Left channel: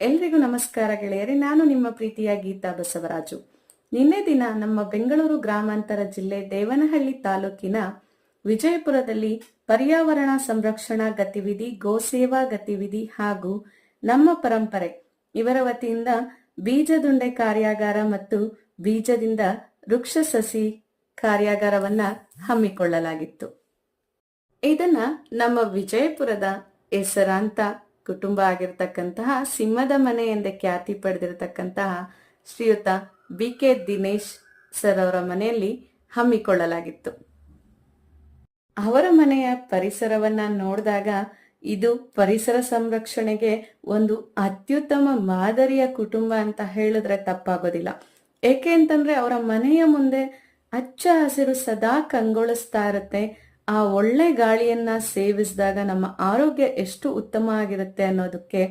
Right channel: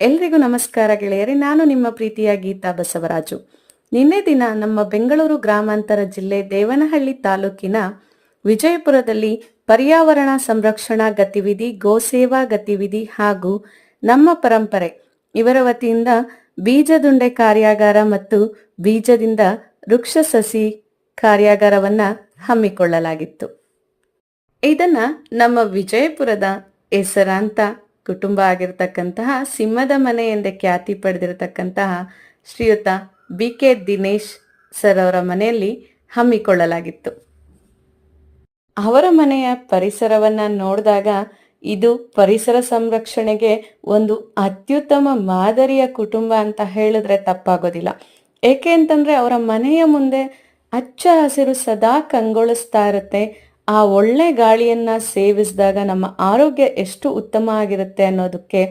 ಎಲ್ರಿಗೂ ನಮಸ್ಕಾರ ಗೆಳೆಯರೇ. ನಾನು ನಿಮ್ಮ ಪ್ರೀತಿಯ ಗೀತಾ ಬಸವರಾಜು. ನಿನ್ನೆ ದಿನ ನಮ್ಮ ಬೆಂಗಳೂರು ಗ್ರಾಮಾಂತರ ಜಿಲ್ಲೆ ದೇವನಹಳ್ಳಿ ತಾಲೂಕಿನ ವಿಜಯಪುರದಲ್ಲಿ ಪರ್ಯಾವರಣ ಸಂರಕ್ಷಣಾ ಗತಿವಿಧಿ, ಗೋಸೇವಾ ಗತಿವಿಧಿ ಹಾಗೂ ನಮ್ಮ ಪರಂಪರೆ ಇವರ ವತಿಯಿಂದ ಬೀಜದುಂಡೆ ಕಾರ್ಯಾಗಾರ ಮತ್ತು ಬೀಜದಿಂದ ವೃಕ್ಷ ಸಸಿ ಕಾರ್ಯಾಗಾರವನ್ನ ಹಮ್ಮಿಕೊಳ್ಳಲಾಗಿತ್ತು. ಇದನ್ನ ನಮ್ಮ ವಿಜಯಪುರದ ಹೆಸರಾಂತ ಕುಟುಂಬ ಆಗಿರತಕ್ಕಂತಹ ಸಿಂಹದ ಮನೆ ಎಂದೇ ಖ್ಯಾತಿ ಪಡೆದಿರತಕ್ಕಂತಹ ಶ್ರೀಯುತ BK ದಿನೇಶ್ ಸರ್ ಅವರ ಮನೆಯಲ್ಲಿ ಹಮ್ಮಿಕೊಳ್ಳಲಾಗಿತ್ತು. ಅವರ ಮನೆಯ ಪರಿಸರವನ್ನ ನೋಡಿದಾಗ ಇದು ಪರಿಸರ ಸಂರಕ್ಷಣೆಗೆ ಒಂದು ಅತ್ಯುತ್ತಮ ಮಾದರಿಯ ಕುಟುಂಬ ಅಂತ ಹೇಳಿದ್ರೆ ತಪ್ಪಾಗೋದಿಲ್ಲ. ಏಕೆ ಅಂತಂದ್ರೆ ಅವರ ಮನೆಯ ಮುಂದೆ ಹಚ್ಚ ಹಸಿರು ಸದಾ ಕಂಗೊಳಿಸ್ತಾ ಇರುತ್ತೆ. ಆ ಒಳ್ಳೆ ಗಾಳಿಯನ್ನ ಸೇವಿಸಿದಾಗ ನಮ್ಮ ಆರೋಗ್ಯ ಎಷ್ಟು ಉತ್ತಮ ಆಗಿರುತ್ತೆ ಅನ್ನೋದಕ್ಕೆ